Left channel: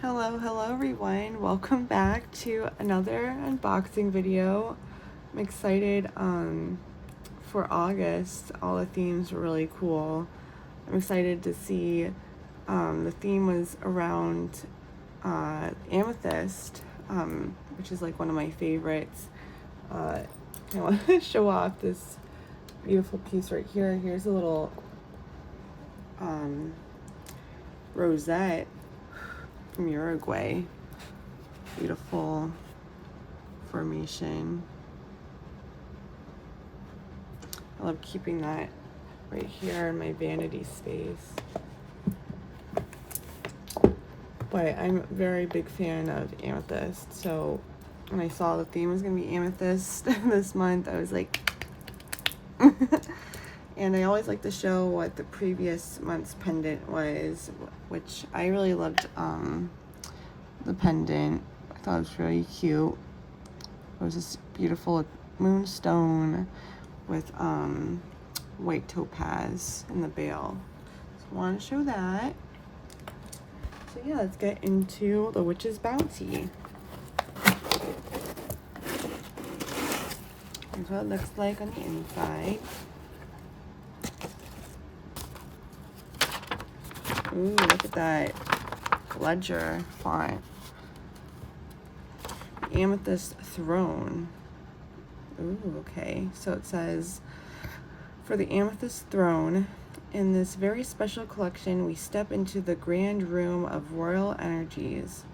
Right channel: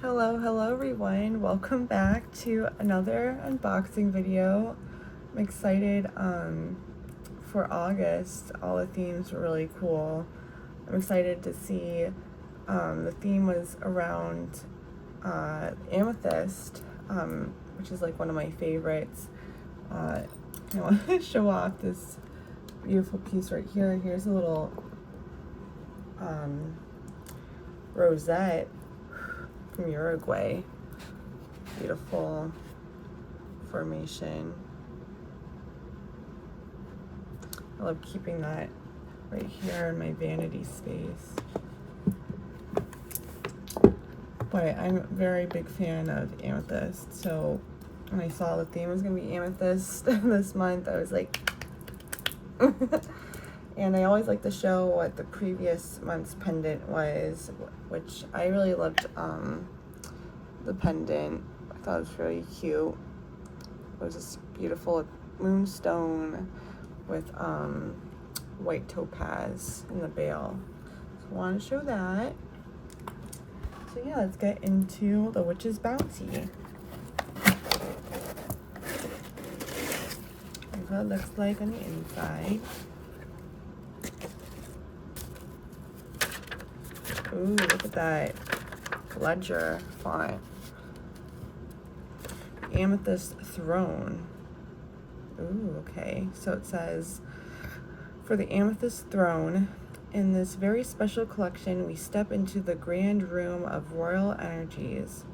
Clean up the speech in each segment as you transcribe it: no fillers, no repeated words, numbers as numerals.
Hello everyone. Welcome back to another unboxing video. I'm excited for August. All the themes were really cool. I'm excited to see the theme was around Amethyst, which is like one of my favorites. I want to show off this beautiful piece right here. Here's a little rosette from Uruguay. Beautiful formation. I love keeping that right here in my vanity space. But I'm a very big fan of Amethyst, so when I saw the theme was gonna be Amethyst this month, I was like and I always like to show what the previous month's pendant was, which I really loved the pendant. I thought it was really cute. It was this beautiful moonstone with white topaz in the bail. So I want to show that. So yeah, let's get into the Witch's Bounty. Here's what it looks like on the inside. Ooh, look at that ledger font. Amethyst Throne. Ooh, okay. So it says, for the Amethyst Throne, in this very special collection, we step into the grand room of royal energies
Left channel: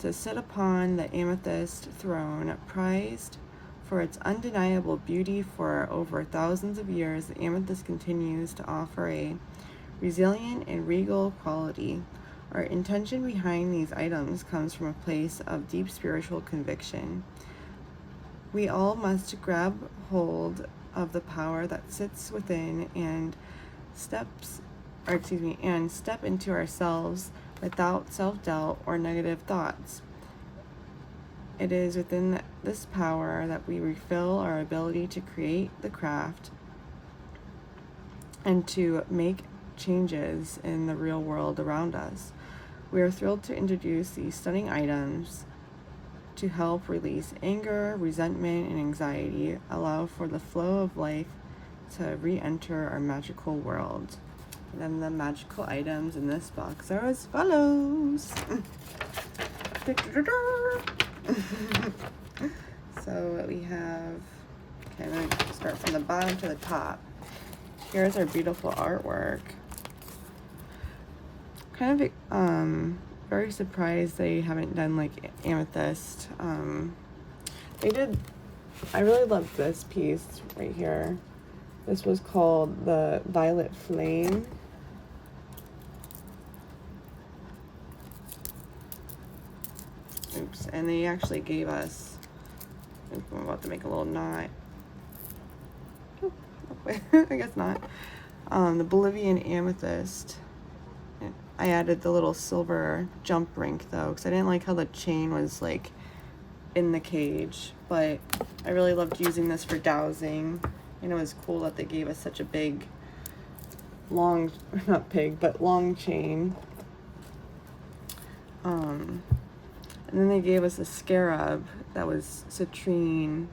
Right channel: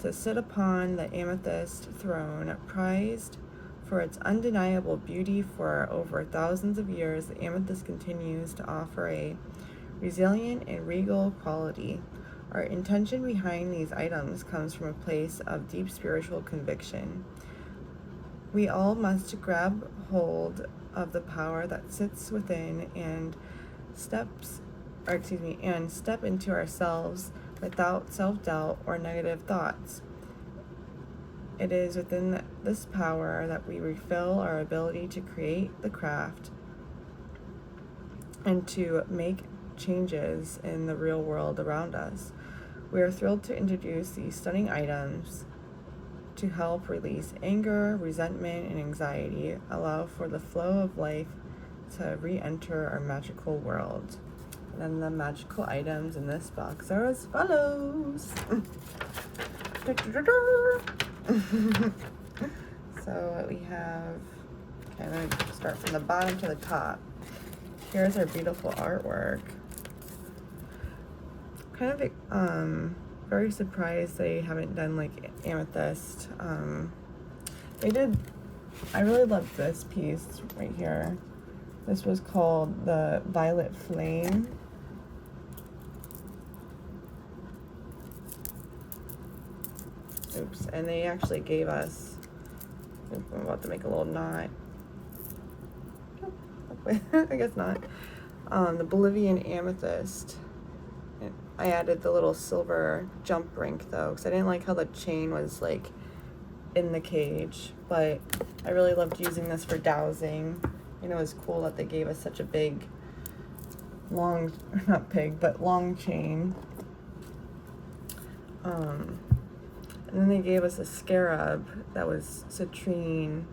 to sit upon the Amethyst Throne, prized for its undeniable beauty. For over thousands of years, the amethyst continues to offer a resilient and regal quality. Our intention behind these items comes from a place of deep spiritual conviction. We all must grab hold of the power that sits within and step into ourselves without self-doubt or negative thoughts. It is within this power that we refill our ability to create the craft and to make changes in the real world around us. We are thrilled to introduce these stunning items to help release anger, resentment, and anxiety, allow for the flow of life to re-enter our magical world. And then the magical items in this box are as follows. So we have, okay, I'm gonna start from the bottom to the top. Here's our beautiful artwork. Kind of very surprised they haven't done like Amethyst. They did. I really loved this piece right here. This was called the Violet Flame. Oops, and they actually gave us, I'm about to make a little knot. I guess not. The Bolivian Amethyst. I added the little silver jump rink though, because I didn't like how the chain was like in the cage, but I really loved using this for dowsing. You know, it's cool that they gave us such a big, long, not big, but long chain. And then they gave us a scarab that was citrine,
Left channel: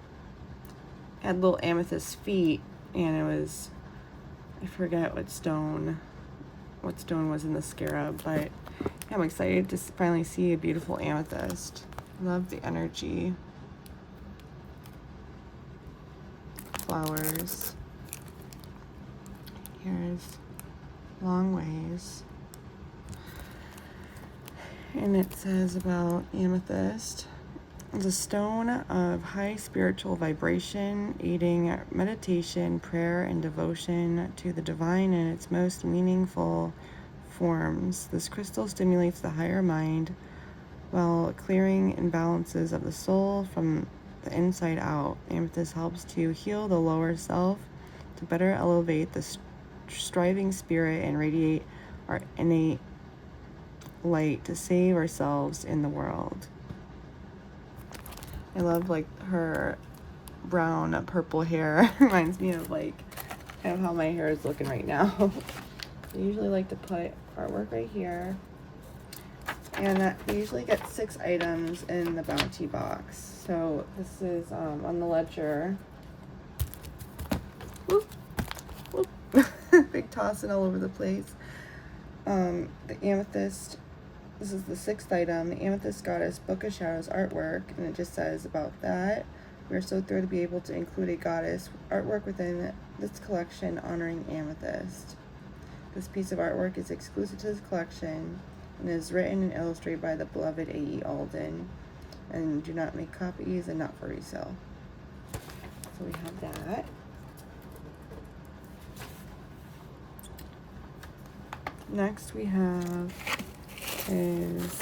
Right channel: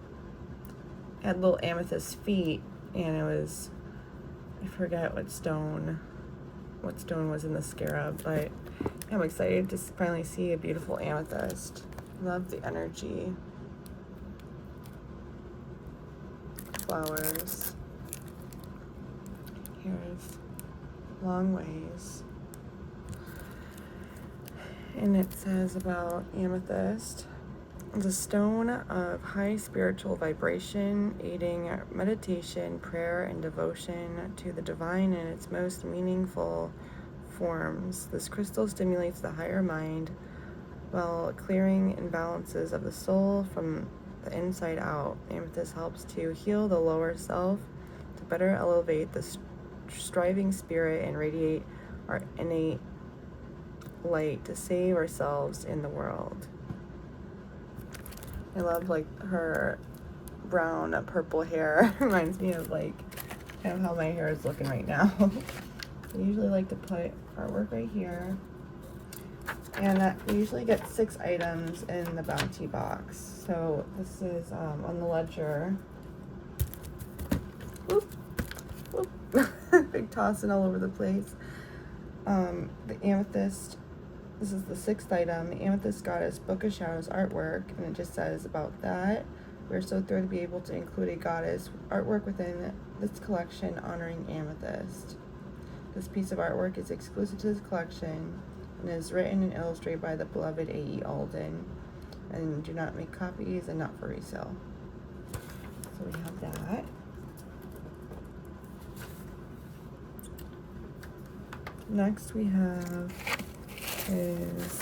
had little amethyst feet, and it was, I forget what stone was in the scarab, but I'm excited to finally see a beautiful amethyst. Love the energy. Flowers. Here's Long Ways. And it says about amethyst, the stone of high spiritual vibration, aiding meditation, prayer, and devotion to the divine in its most meaningful forms. This crystal stimulates the higher mind while clearing imbalances of the soul from the inside out. Amethyst helps to heal the lower self, to better elevate the striving spirit and radiate our innate light to save ourselves in the world. I love like her brown purple hair. Reminds me of like kind of how my hair is looking right now. I usually like to put artwork right here. And that we usually get 6 items in the bounty box. So this is on the ledger. Whoop, whoop. Big tossing all over the place. The Amethyst. This is the 6th item, the Amethyst Goddess Book of Shadows artwork, and it just says about that. We're so thrilled to be able to include a goddess artwork within this collection honoring Amethyst. This piece of artwork is exclusive to this collection and is written and illustrated by the beloved A.E. Alden, and do not make copies and not for resale. So we have that. Next we have is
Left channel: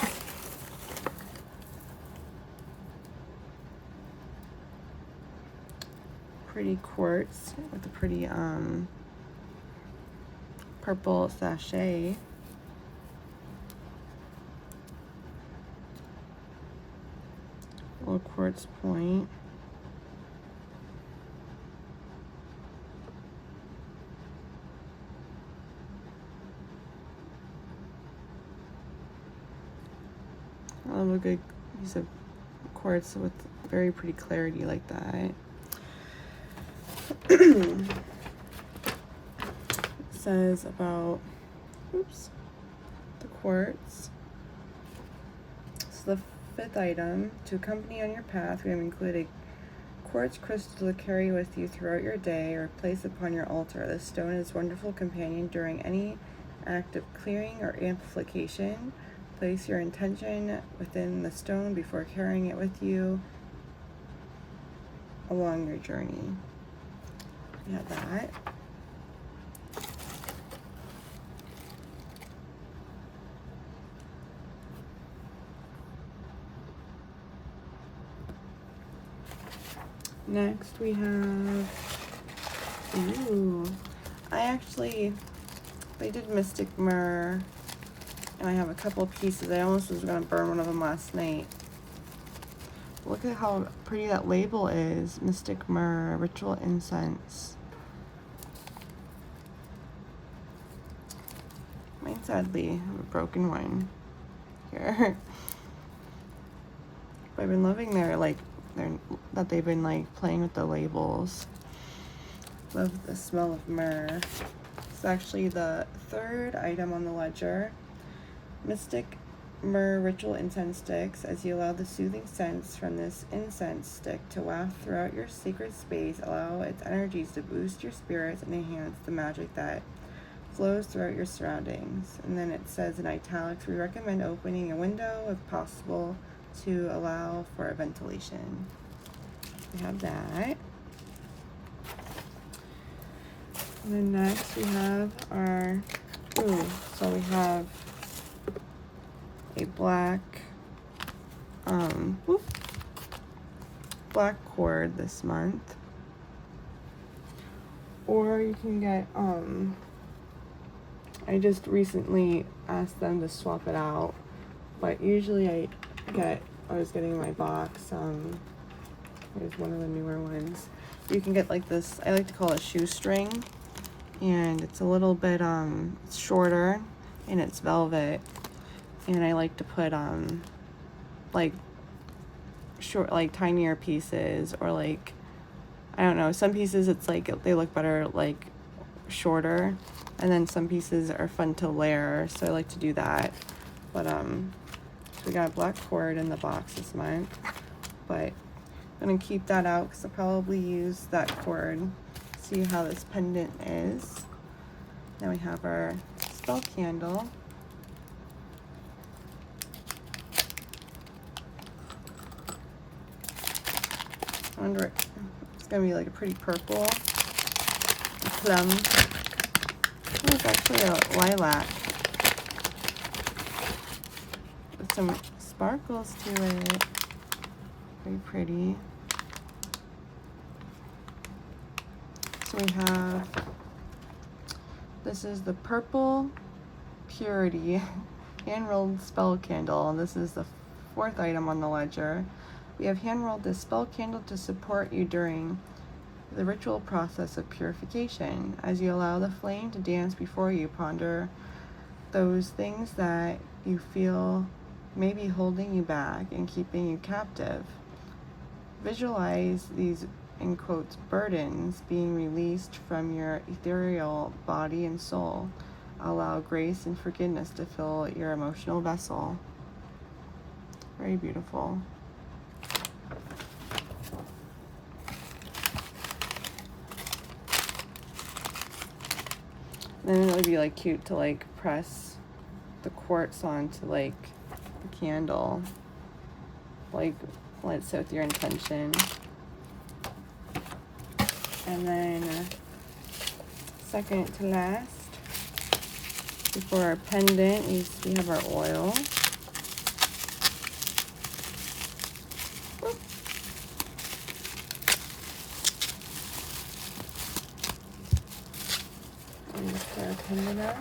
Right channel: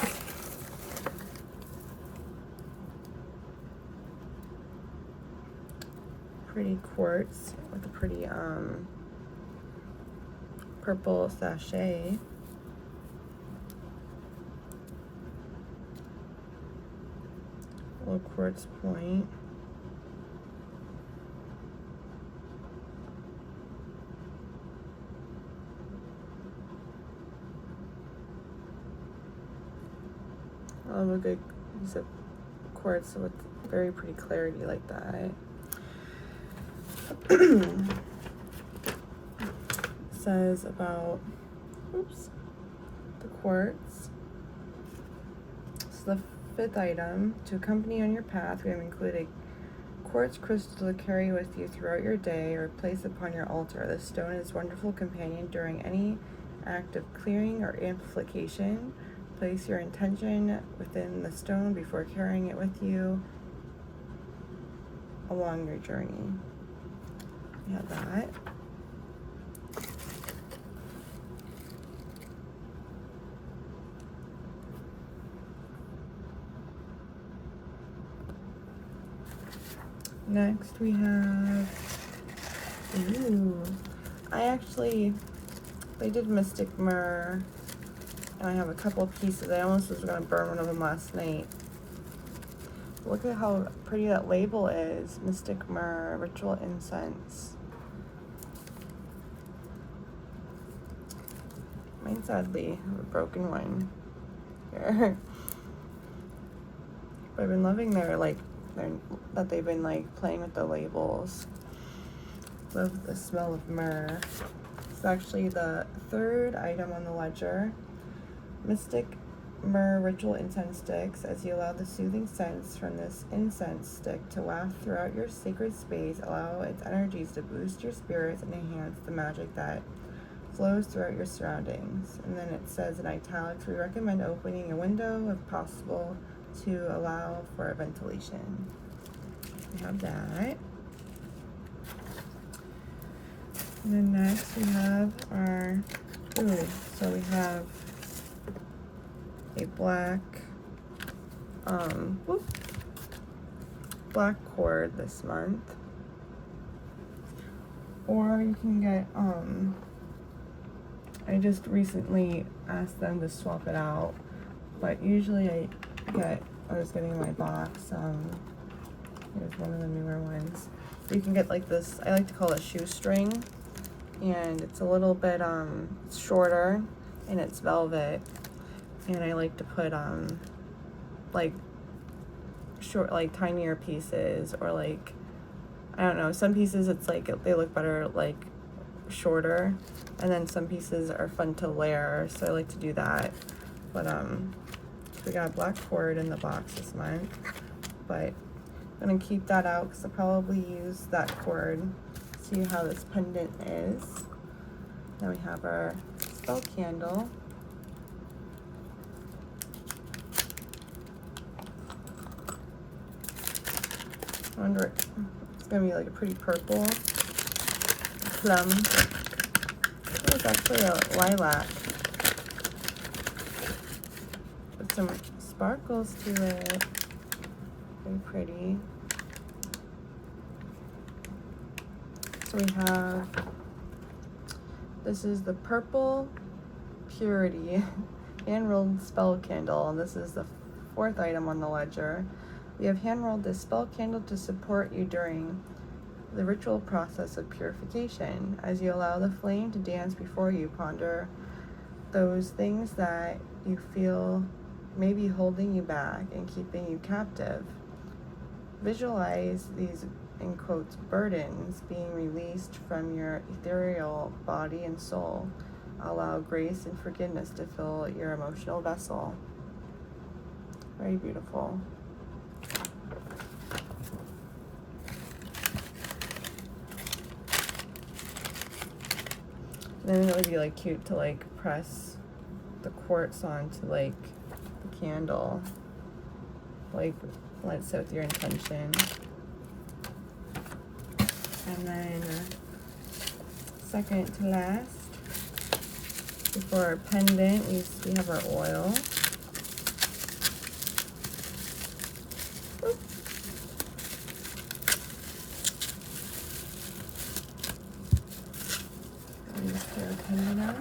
pretty quartz with a pretty purple sachet. Little quartz point. I love a good use of quartz with very pretty clarity like that. It says about, oops, the quartz. So the 5th item, to accompany on your path, we have included a quartz crystal to carry with you throughout your day or place upon your altar. This stone is a wonderful companion during any act of clearing or amplification. Place your intention within the stone before carrying it with you along your journey. We have that. Next we have, ooh, they did Mystic Myrrh, and I have a couple pieces. I almost was gonna burn one of them last night. Look at how pretty that label is. Mystic Myrrh, Ritual Incense. Mine's sadly a broken one here. But I've been loving that they've been playing with the labels. Love the smell of myrrh. It's actually the 3rd item on the ledger. Mystic Myrrh Ritual Incense Sticks. As you allow the soothing scents from this incense stick to waft throughout your sacred space, allow its energies to boost your spirits and enhance the magic that flows throughout your surroundings. And then it says in italics, we recommend opening a window if possible to allow for a ventilation. We have that. And then next we have our, so we have a black cord this month. Or you can get, I just recently asked them to swap it out, but usually I was getting in my box, here's one of the newer ones. You can get this, I like to call it shoestring, and it's a little bit, it's shorter, and it's velvet, and I like to put, short, tinier pieces, or I don't know, some pieces it's they look better, shorter, and then some pieces are fun to layer, so I like to do that. But, we got a black cord in the box this month, but I'm gonna keep that out because I'll probably use that cord. See how this pendant is. Now we have our spell candle. I wonder, it's gonna be a pretty purple plum. Oh, it's actually a lilac with some sparkles to it. Very pretty. So we have, this is the Purple Purity hand-rolled spell candle. This is the 4th item on the ledger. We have hand-rolled this spell candle to support you during the ritual process of purification. As you allow the flame to dance before you, ponder those things that you feel may be holding you back and keeping you captive. Visualize these, in quotes, burdens being released from your ethereal body and soul. Allow grace and forgiveness to fill your emotional vessel. Very beautiful. Then it would be like cute to like press the quartz onto like the candle, like let it sit with your intention. And then second to last, before our pendant, we have our oil. And just get our pendant out.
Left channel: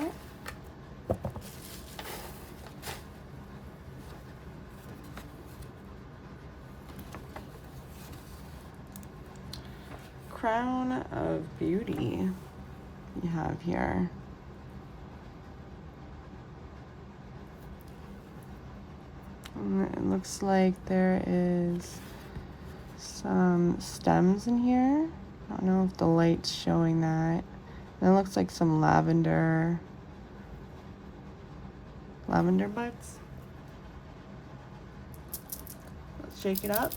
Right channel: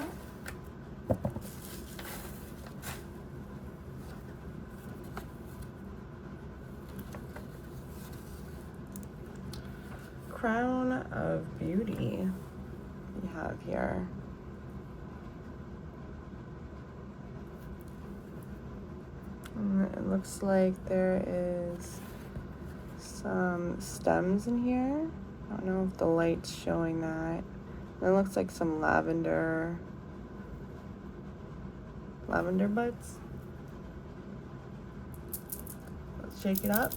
Crown of Beauty we have here. And it looks like there is some stems in here. I don't know if the light's showing that. It looks like some lavender buds. Let's shake it up.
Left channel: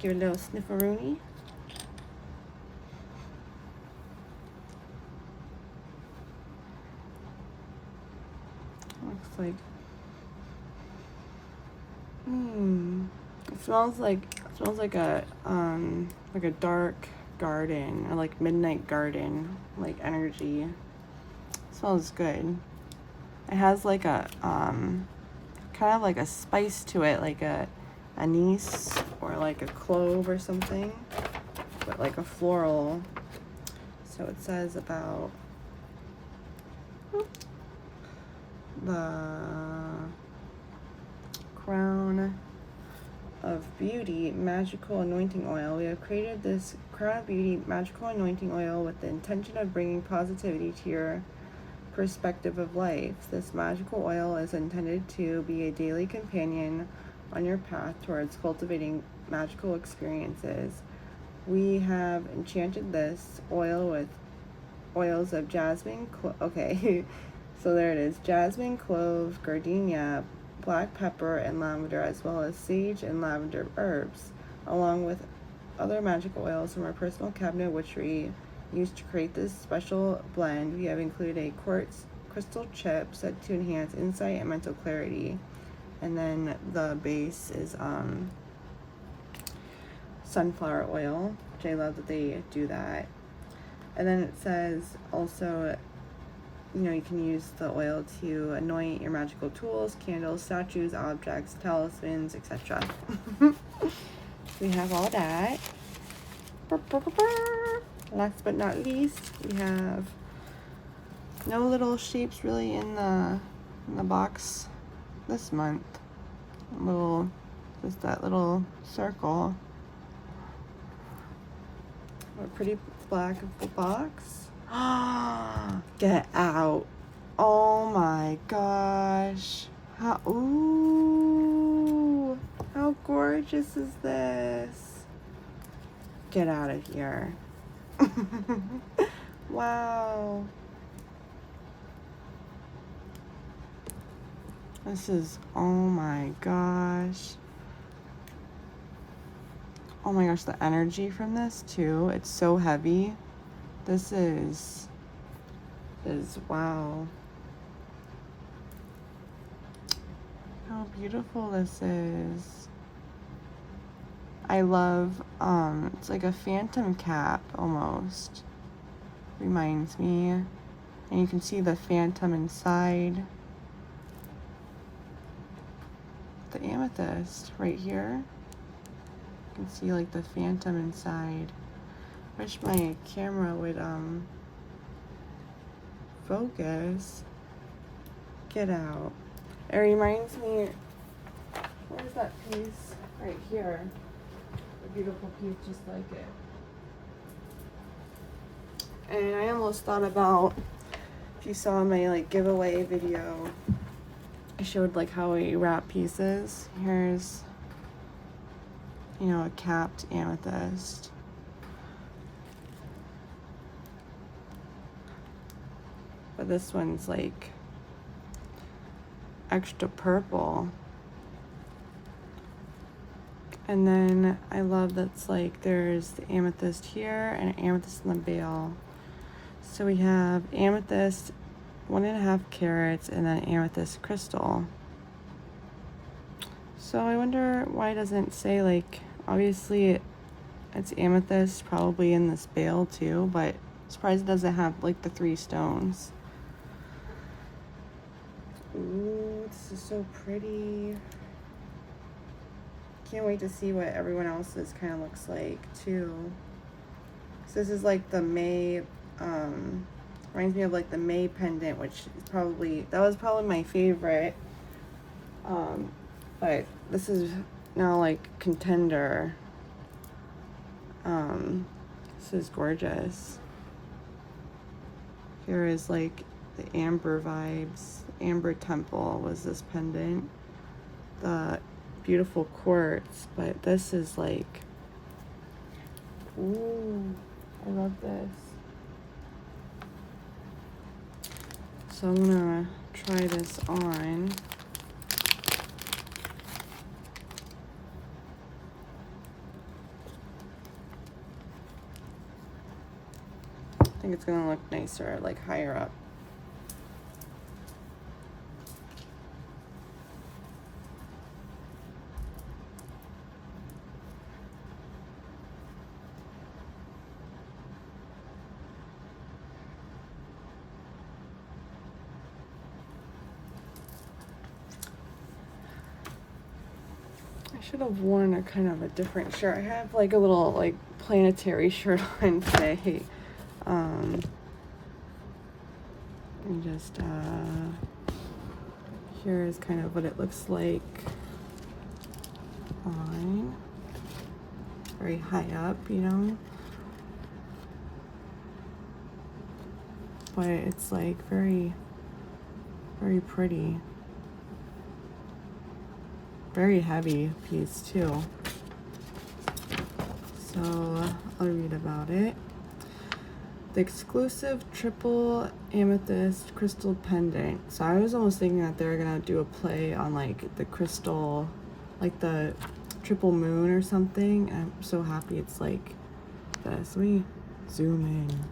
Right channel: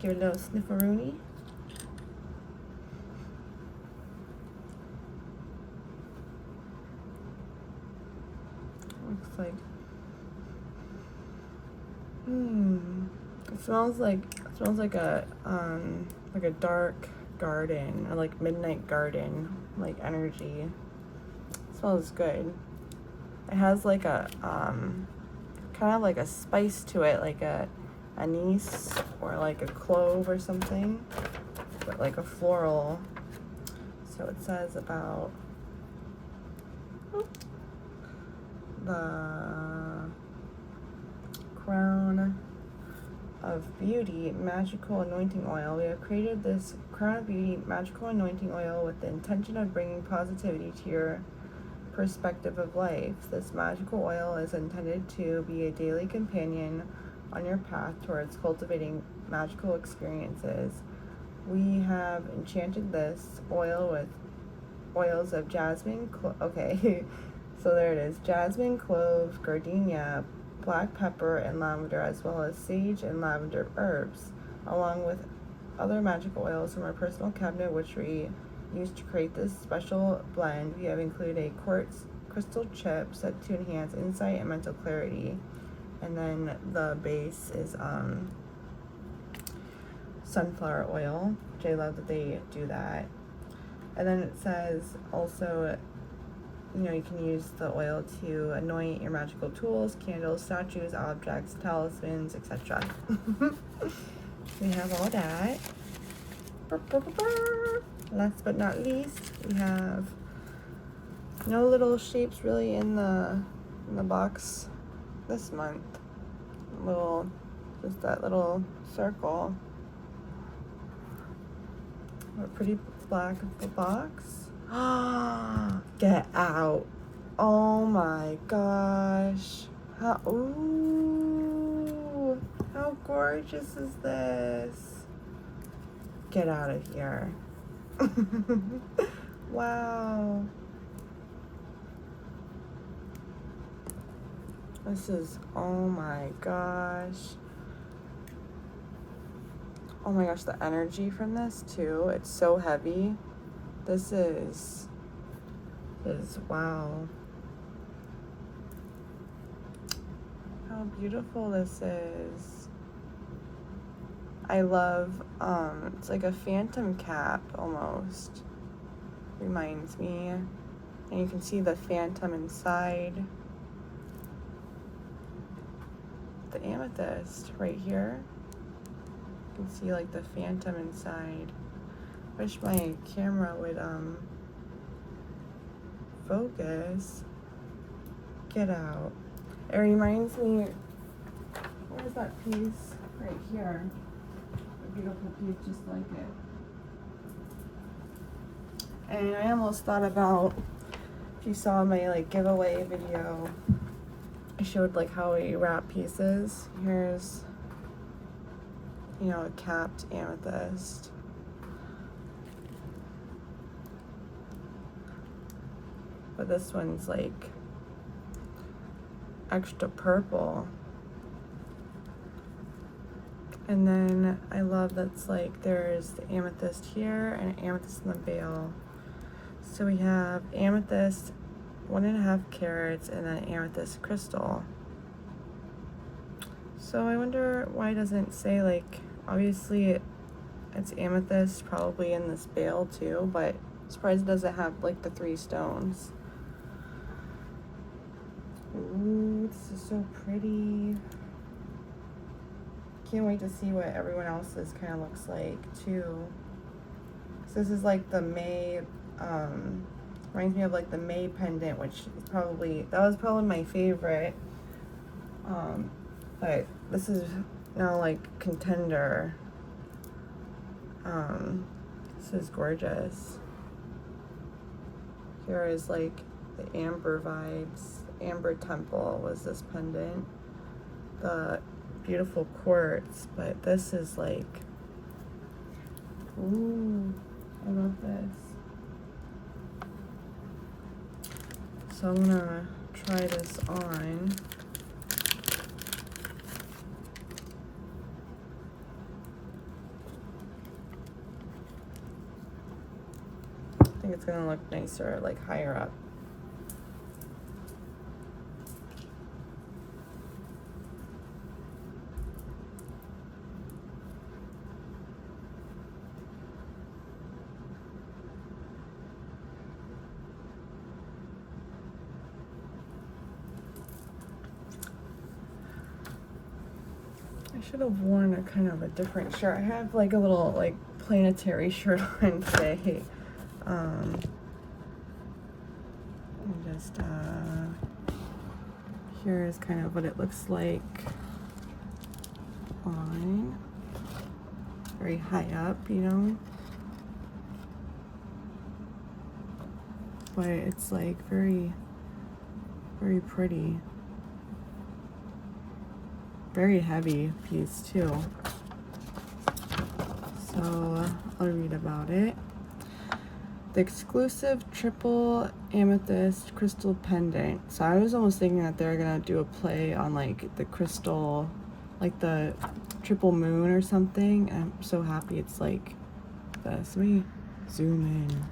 Give it a little snifferoonie. Looks like it smells like a dark garden, or like midnight garden, like energy. It smells good. It has like a kind of like a spice to it, like a anise or like a clove or something, but like a floral. So it says about the Crown of Beauty Magical Anointing Oil. We have created this Crown of Beauty Magical Anointing Oil with the intention of bringing positivity to your perspective of life. This magical oil is intended to be a daily companion on your path towards cultivating magical experiences. We have enchanted this oil with oils of jasmine, okay, so there it is, jasmine, clove, gardenia, black pepper, and lavender, as well as sage and lavender herbs, along with other magical oils from our personal cabinet, which we used to create this special blend. We have included a quartz crystal chip set to enhance insight and mental clarity. And then the base is sunflower oil, which I love that they do that. And then it says also, you can use the oil to anoint your magical tools, candles, statues, objects, talismans, etc. We have all that. Last but not least, we have no little shapes really in the box this month. Just that little circle. A pretty black of the box. Get out. Oh my gosh. Ooh, how gorgeous is this? Get out of here. Wow. This is, oh my gosh. Oh my gosh, the energy from this too. It's so heavy. This is wow. How beautiful this is. I love, it's like a phantom cap almost. Reminds me. And you can see the phantom inside. The amethyst right here. You can see like the phantom inside. Wish my camera would focus. Get out. It reminds me, where's that piece? Right here. A beautiful piece just like it. And I almost thought about, if you saw my like giveaway video, I showed like how we wrap pieces. Here's, you know, a capped amethyst. But this one's like extra purple. And then I love that's like there's the amethyst here and amethyst in the bail. So we have amethyst 1.5 carats and then amethyst crystal. So I wonder why it doesn't say, like, obviously it's amethyst probably in this bail too, but I'm surprised it doesn't have like the 3 stones. Ooh, this is so pretty. Can't wait to see what everyone else's kind of looks like too. So this is like the May, reminds me of like the May pendant, which is probably, that was probably my favorite. But this is now like contender. This is gorgeous. Here is like the amber vibes. Amber Temple was this pendant. The beautiful quartz, but this is like, ooh, I love this. So I'm gonna try this on. I think it's gonna look nicer, like higher up. I should have worn a kind of a different shirt. I have like a little like planetary shirt on today. And just here is kind of what it looks like on. Very high up, you know. But it's like very, very pretty. Very heavy piece too. So I'll read about it. The exclusive triple amethyst crystal pendant. So I was almost thinking that they're gonna do a play on like the crystal, like the triple moon or something. I'm so happy it's like this. Let me zoom in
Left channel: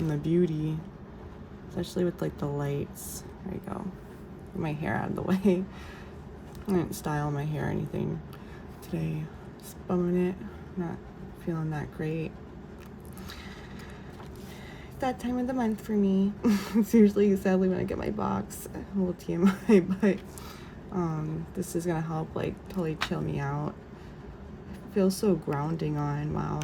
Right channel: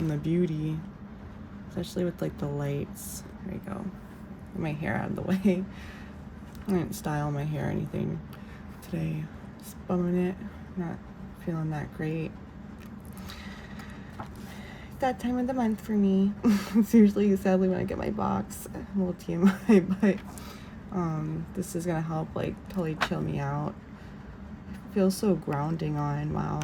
on the beauty, especially with like the lights. There you go. Get my hair out of the way. I didn't style my hair or anything today. Just bumming it. Not feeling that great. That time of the month for me. It's usually sadly when I get my box. A little TMI, but this is gonna help like totally chill me out. It feels so grounding on. Wow.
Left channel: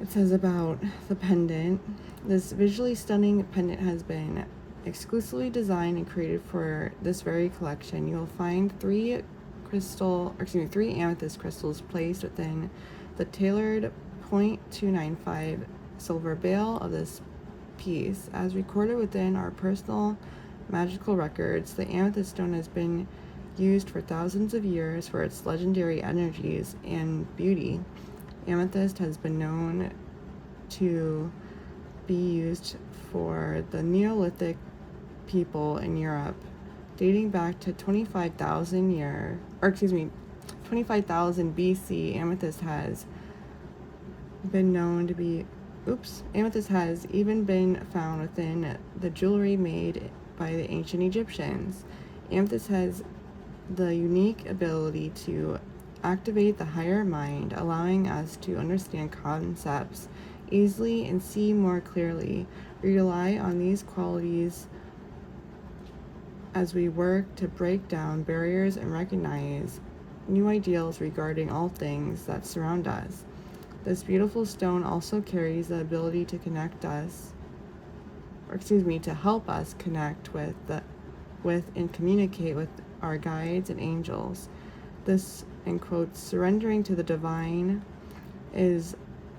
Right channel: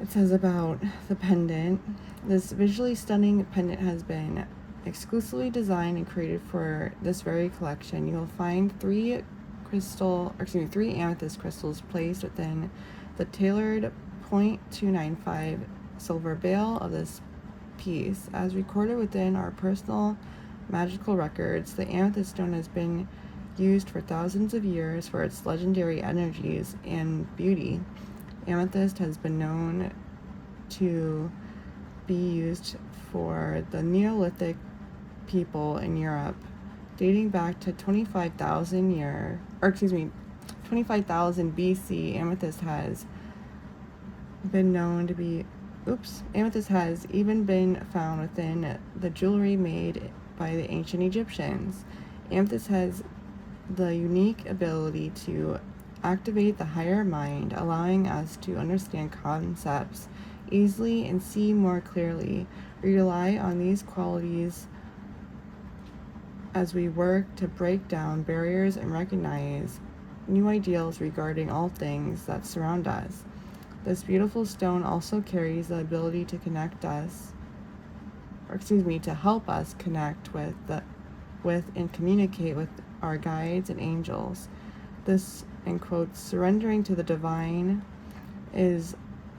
It says about the pendant. This visually stunning pendant has been exclusively designed and created for this very collection. You will find 3 amethyst crystals placed within the tailored 0.295 silver bail of this piece. As recorded within our personal magical records, the amethyst stone has been used for thousands of years for its legendary energies and beauty. Amethyst has been known to be used for the Neolithic people in Europe, dating back to 25,000 BC. Amethyst has been known to be amethyst has even been found within the jewelry made by the ancient Egyptians. Amethyst has the unique ability to activate the higher mind, allowing us to understand concepts easily and see more clearly. We rely on these qualities as we work to break down barriers and recognize new ideals regarding all things that surround us. This beautiful stone also carries the ability to to help us connect with and communicate with our guides and angels. This, in quotes, surrendering to the divine is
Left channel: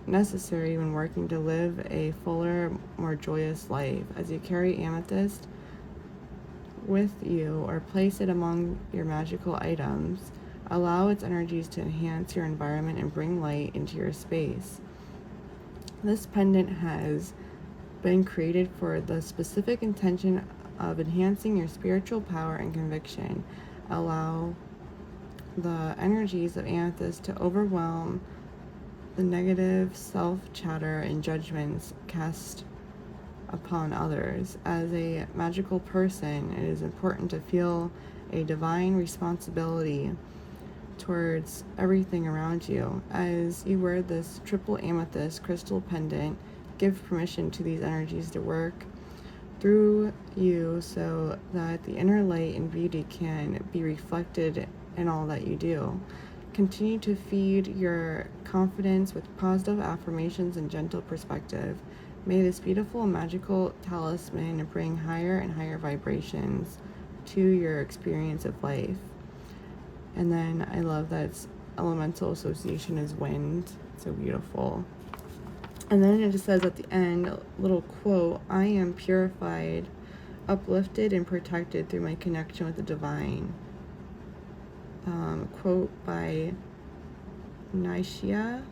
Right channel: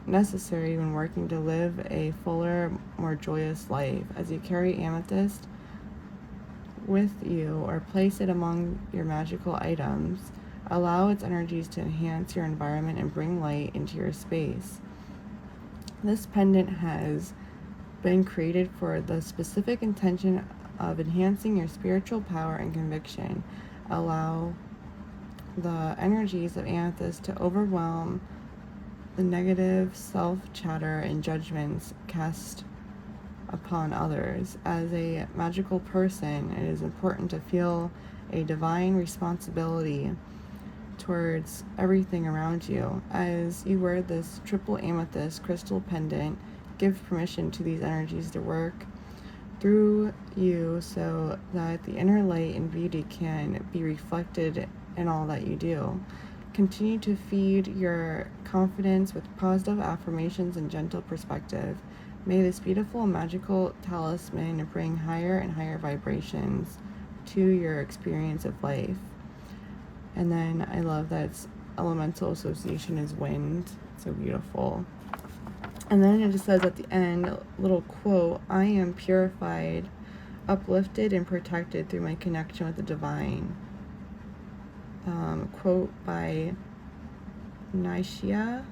necessary when working to live a fuller, more joyous life. As you carry amethyst, with you or place it among your magical items. Allow its energies to enhance your environment and bring light into your space. This pendant has been created for the specific intention of enhancing your spiritual power and conviction. Allow the energies of amethyst to overwhelm the negative self-chatter and judgments cast upon others. As a magical person, it is important to feel a divine responsibility towards everything around you. As you wear this triple amethyst crystal pendant, give permission to these energies to work through you so that the inner light and beauty can be reflected in all that you do. Continue to feed your confidence with positive affirmations and gentle perspective. May this beautiful magical talisman bring higher and higher vibrations to your experience of life. And then I love that its elemental association is wind. So beautiful. And then it just says at the end, a little quote, I am purified, uplifted, and protected through my connection with the divine. Quote by Nishia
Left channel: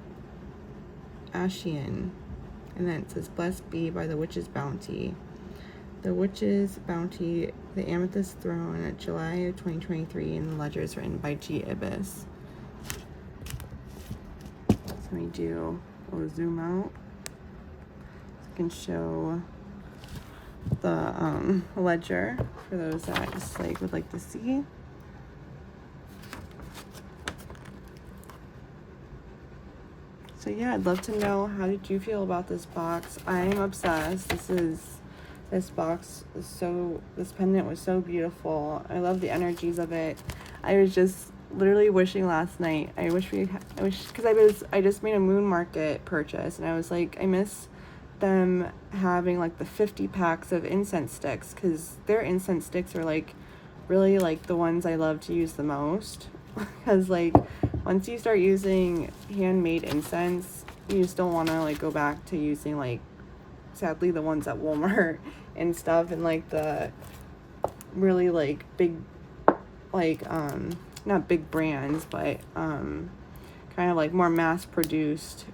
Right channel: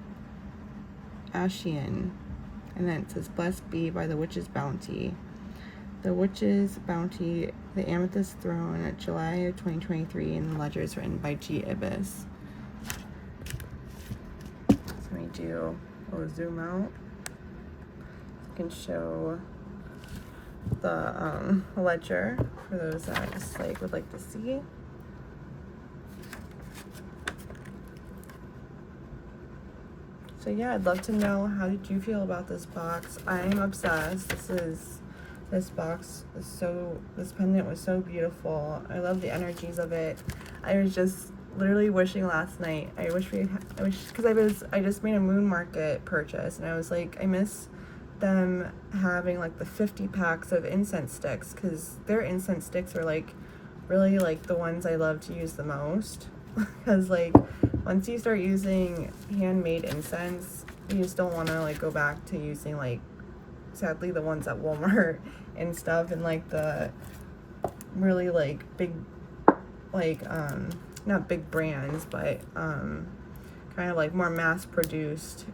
Ashian. And then it says, blessed be by the witch's bounty. The Witch's Bounty, the Amethyst Throne, at July of 2023, and the ledger is written by G. Ibis. So I do a little zoom out. So I can show the ledger for those that I just would like to see. So yeah, I'd love to know, how did you feel about this box? I'm obsessed. This box is this pendant was so beautiful. I love the energies of it. I was just literally wishing last night. I just made a moon market purchase, and I was like, I miss them having like the 50 packs of incense sticks, because their incense sticks are like really like the ones I love to use the most. Because like once you start using handmade incense, you just don't want to like go back to using like, sadly, the ones at Walmart and stuff, and like the really like big, like not big brands, but kind of like more mass produced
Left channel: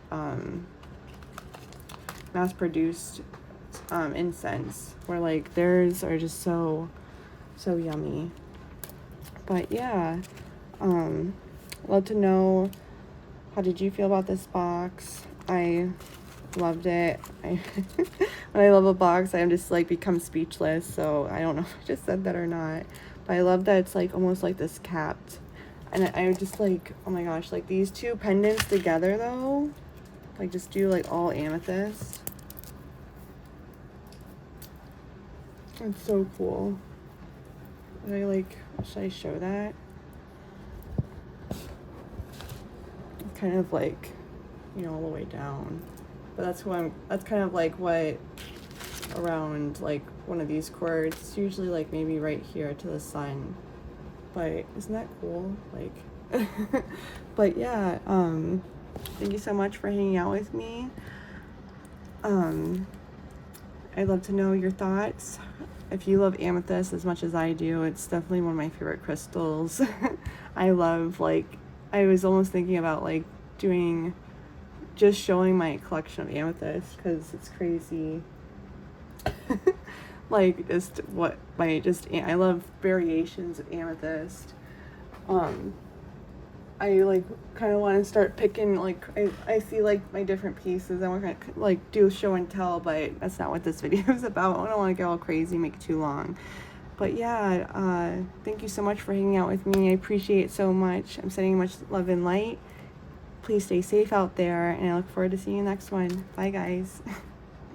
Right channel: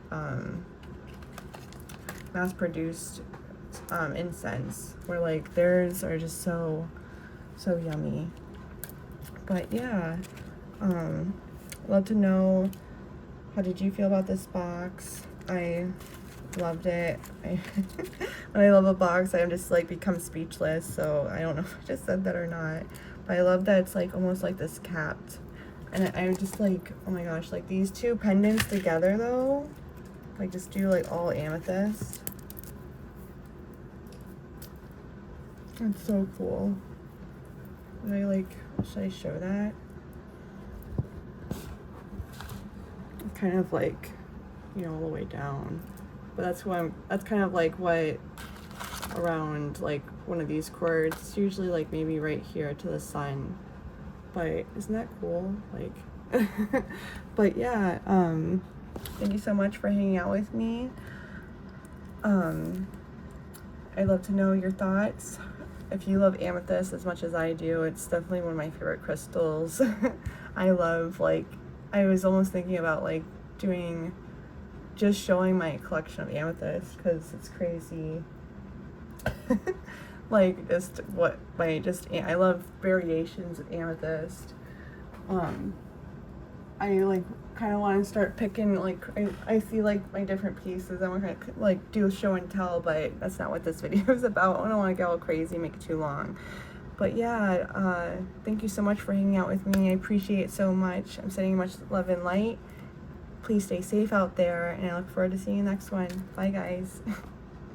incense, where like theirs are just so yummy. But yeah, love to know, how did you feel about this box? I loved it. When I love a box, I just like become speechless, so I don't know if I just said that or not, but I love that it's like almost like this capped, and I'm just like, oh my gosh, like these two pendants together though, like just do like all amethyst. It's so cool. Should I show that? Kind of like, all the way down, but that's kind of like what around like one of these cords, usually like maybe right here to the sun. But isn't that cool? Like but yeah, thank you so much for hanging out with me. I'd love to know your thoughts. If you love amethyst as much as I do, it's definitely one of my favorite crystals. I love, like, I was almost thinking about like showing my collection of amethyst, because it's crazy. Like I love variations of amethyst. I like kind of want to start picking, like I see like my different pieces. I want to like do a show and tell, but that's not what this video is about. I don't want to go all crazy, make it too long. But yeah, thank you so much for hanging out with me. I appreciate it so much. I'm sending much love and light. Please stay safe out there, and I look forward to seeing you next one. Bye guys.